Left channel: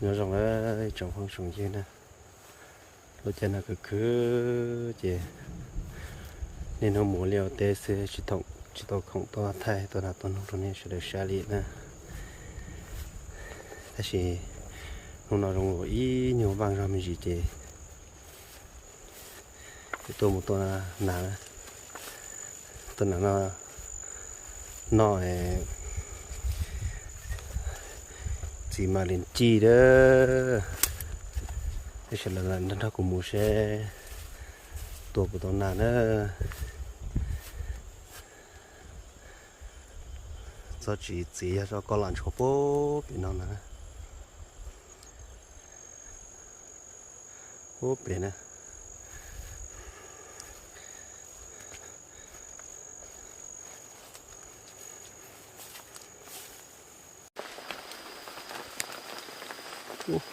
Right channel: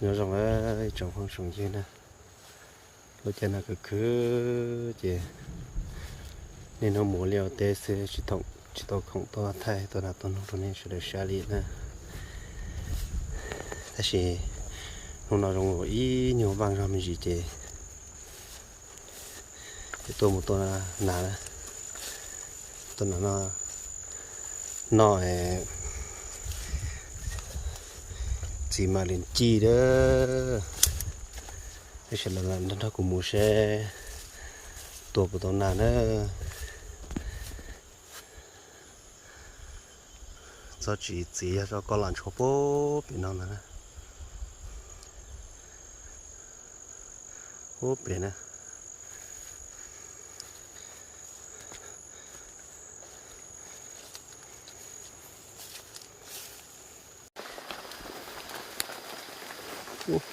nhớ rằng là trong phong sùng gì nè lúc chân là cứ chị nên nó muốn liều tê sẽ chỉ tông không to thay tôi là tôi nó nên sẽ được xa lì nè thế thì lúc nào trong ý nhiều vang ra mình gì chị tôi một tôi là nà tôi là nó chỉ mà lên chi đó thế sẽ là nó cũng mua xe tôi của tôi là nó cho chỉ cho con lợn chó bố bị nó nè bố bị nè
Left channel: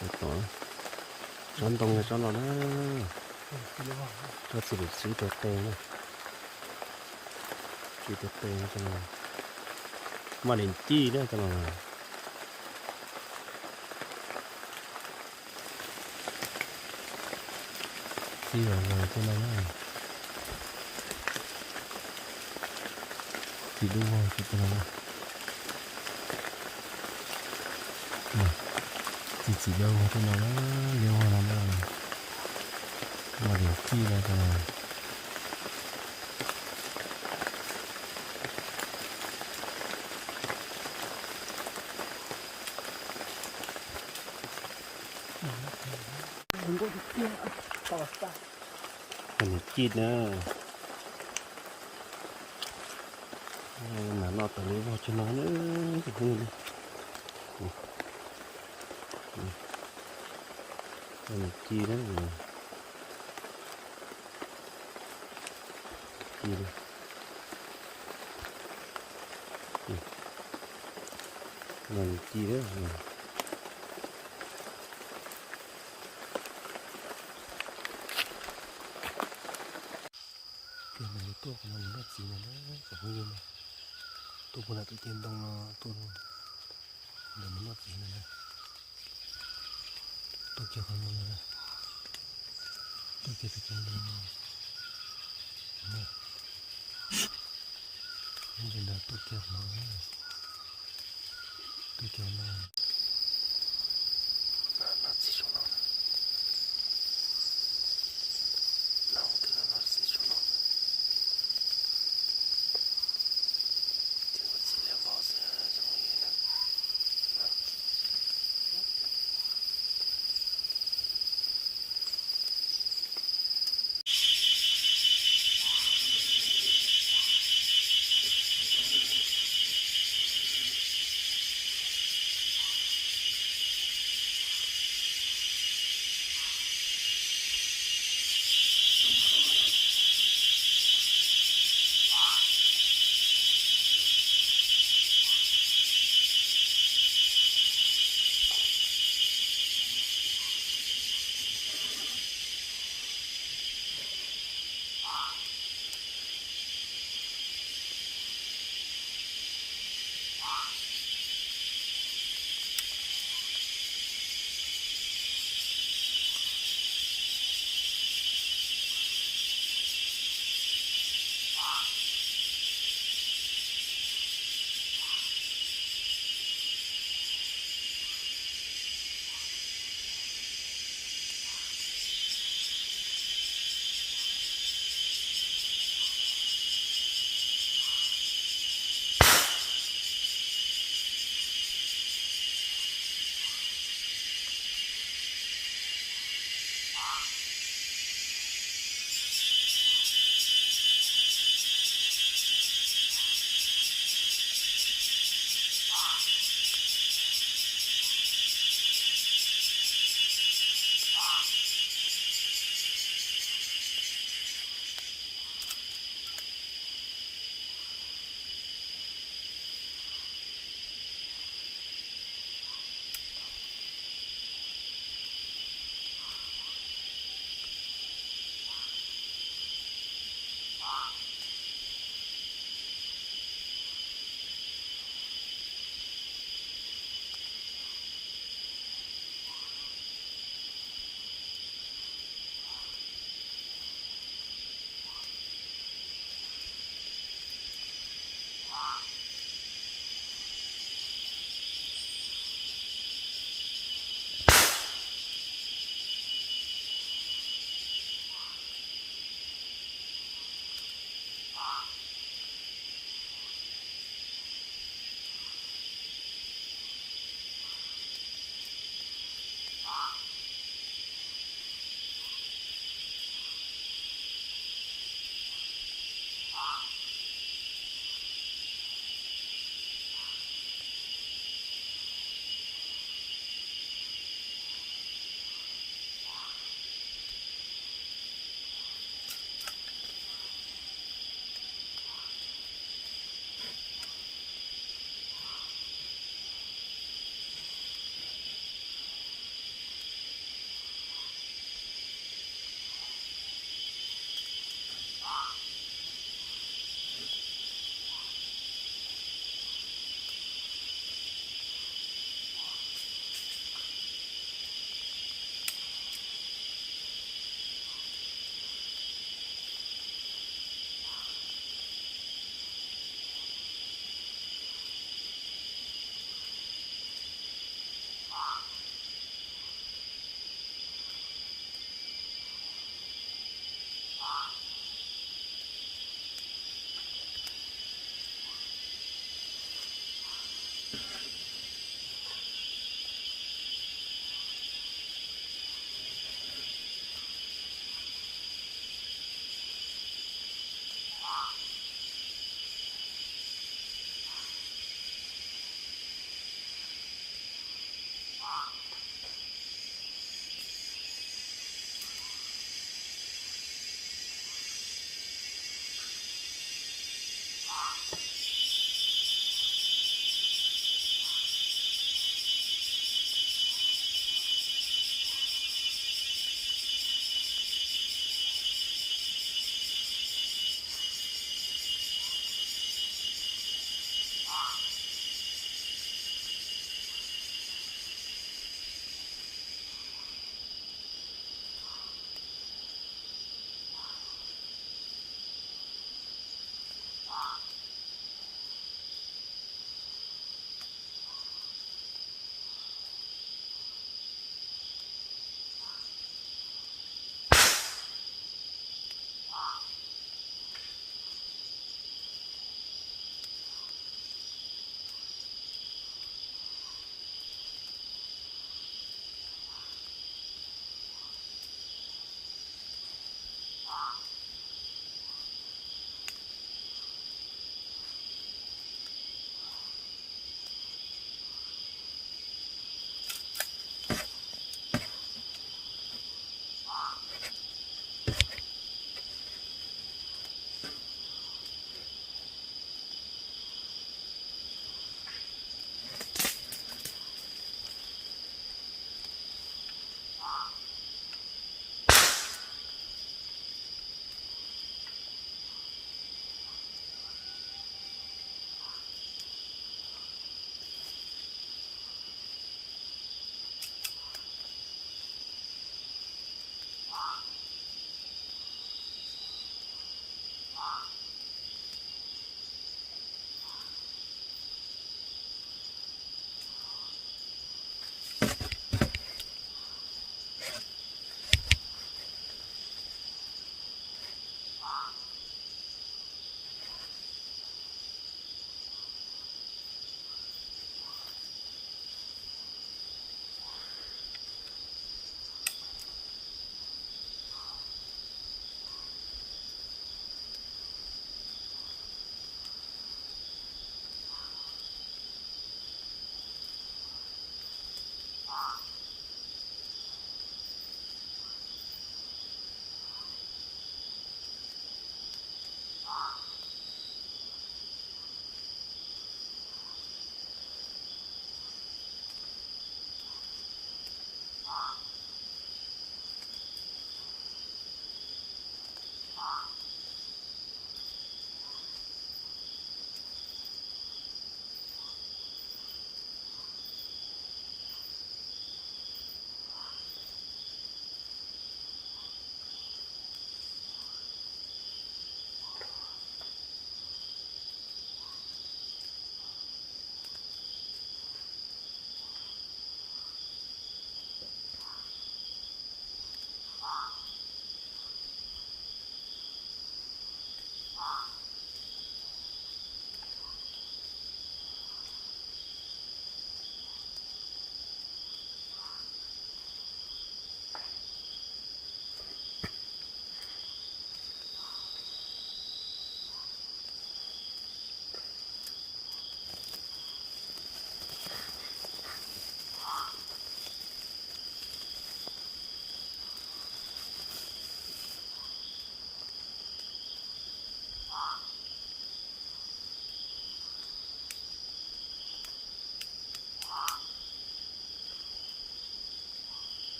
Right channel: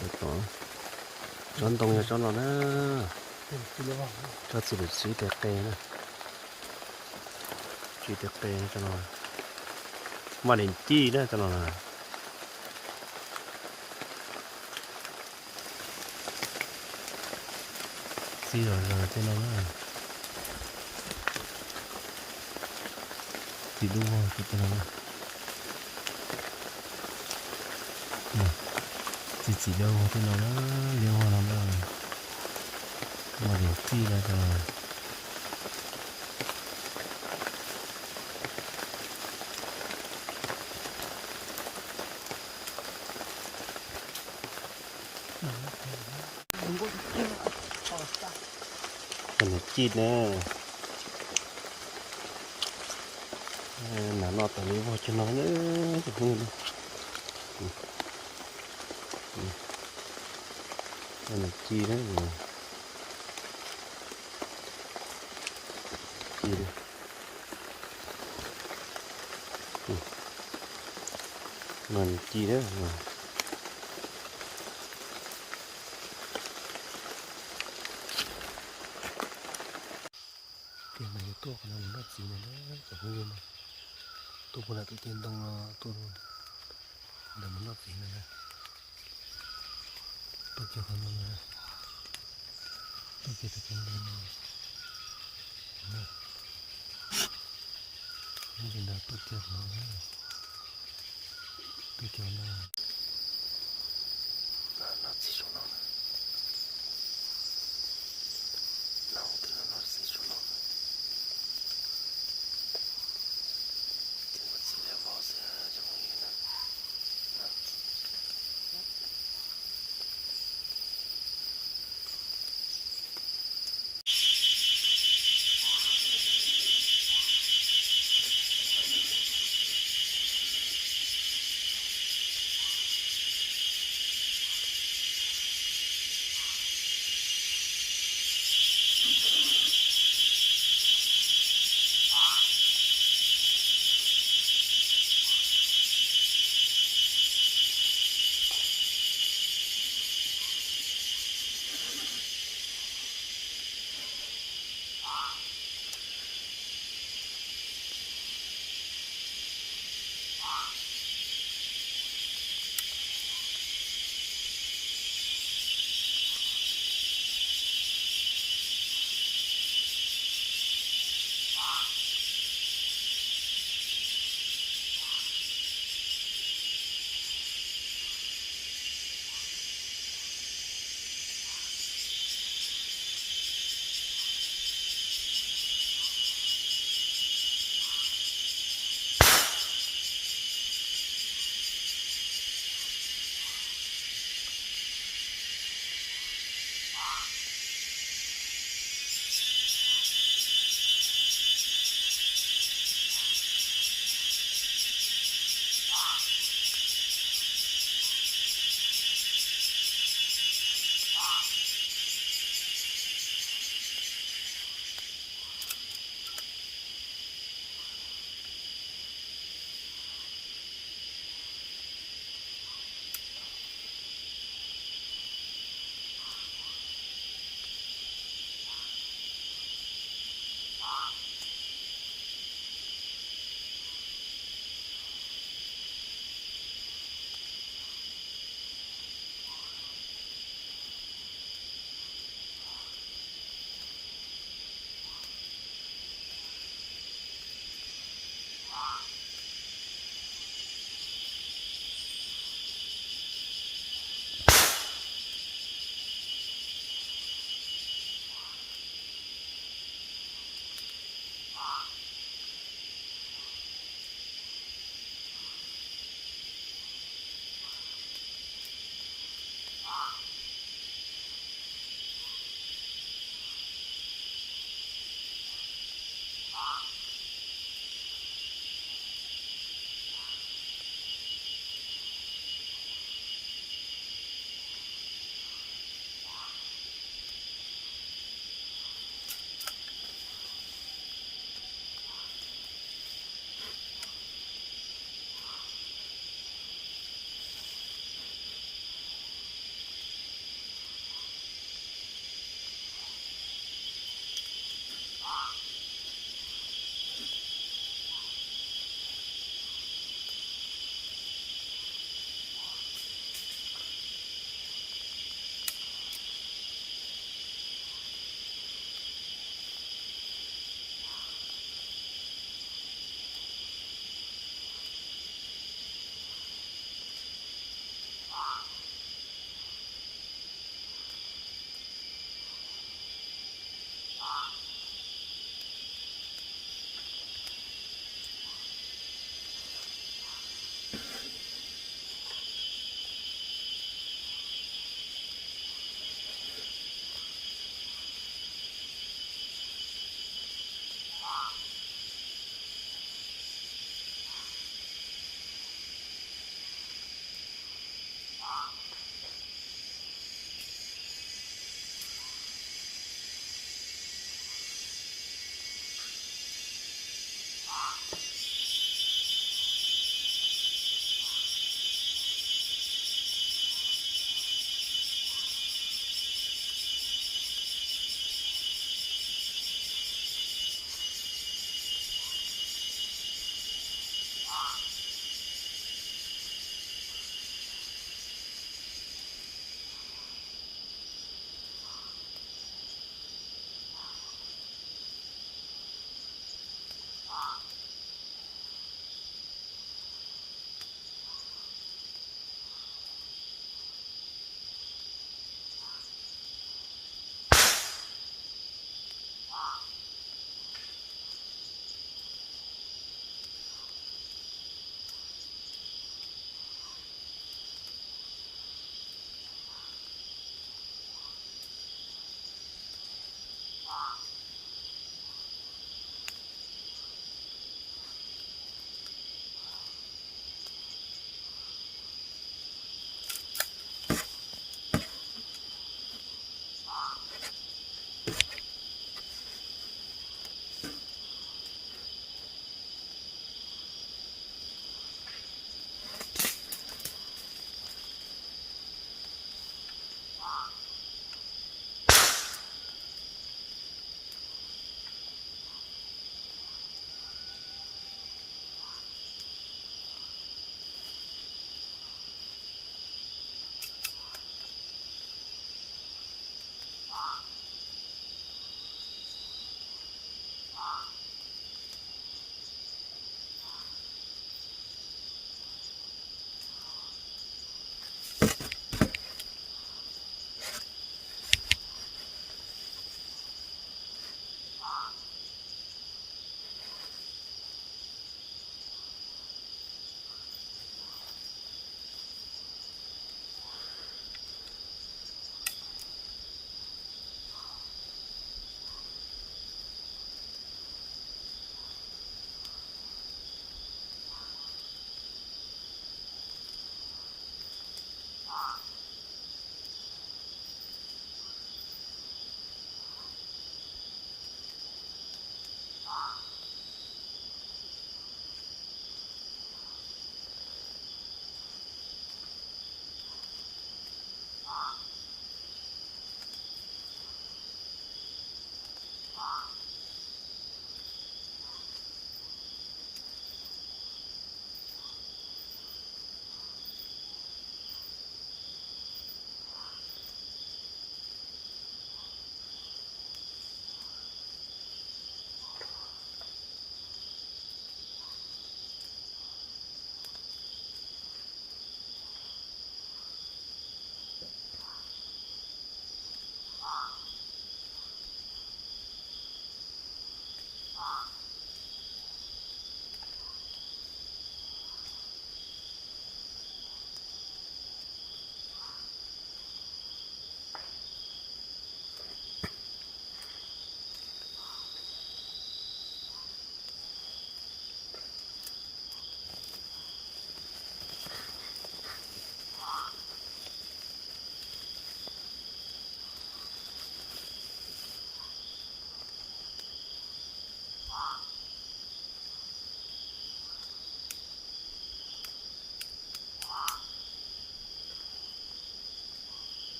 được rồi chọn tông cho nó nè cho chỉ được xí tẹt tè nè chỉ tẹt tè cho nó mà lên chi đó cho nó chi rồi cho nó chỉ đúng rồi cho nó chỉ đâu cho nó liêu hoa lắm rồi mà để chi ra cho nó cái này chi nữa nó tự lấy vào cho nó nữa cái này chi đấy chi đấy mình chi đấy tiền này tôi còn làm nó gì này đó chẳng có gì này tôi cũng là tự tin trong tôi làm nó gì này tôi chưa còn nữa tôi chưa tự tin đâu nhưng mà tôi chưa nó tôi chưa nó gì cho nó từ nó gì cho nó thì nó chỉ là vào giờ trong như này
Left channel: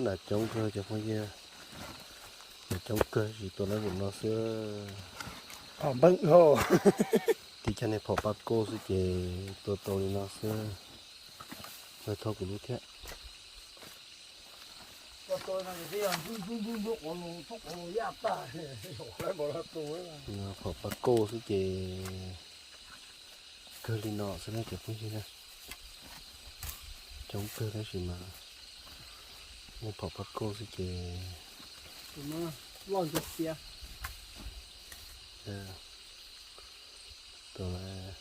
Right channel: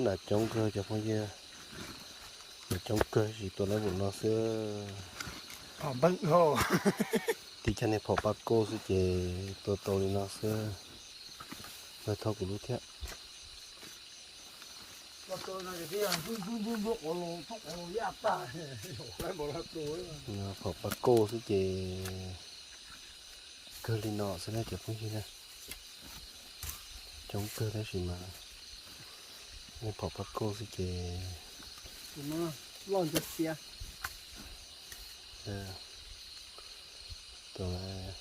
là chống cơ cho phong kia là chống cơ chỉ tôi lấy một nó xưa bận hồ thì cho nên phò bát cô sẽ chế tôi đi nó xưa rồi thôi của lúc thế tôi nói cái gì bún ổ thóc ổ yết ta lấy bỏ ra tôi nó phò bát cô sẽ chế cơ lên nọ sẽ lấy cho phong kia nè chống cơ đấy gì mà nên phò bát cô sẽ chế mà lon giật xe tôi là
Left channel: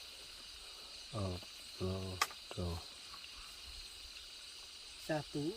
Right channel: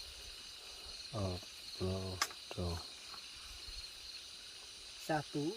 rồi satu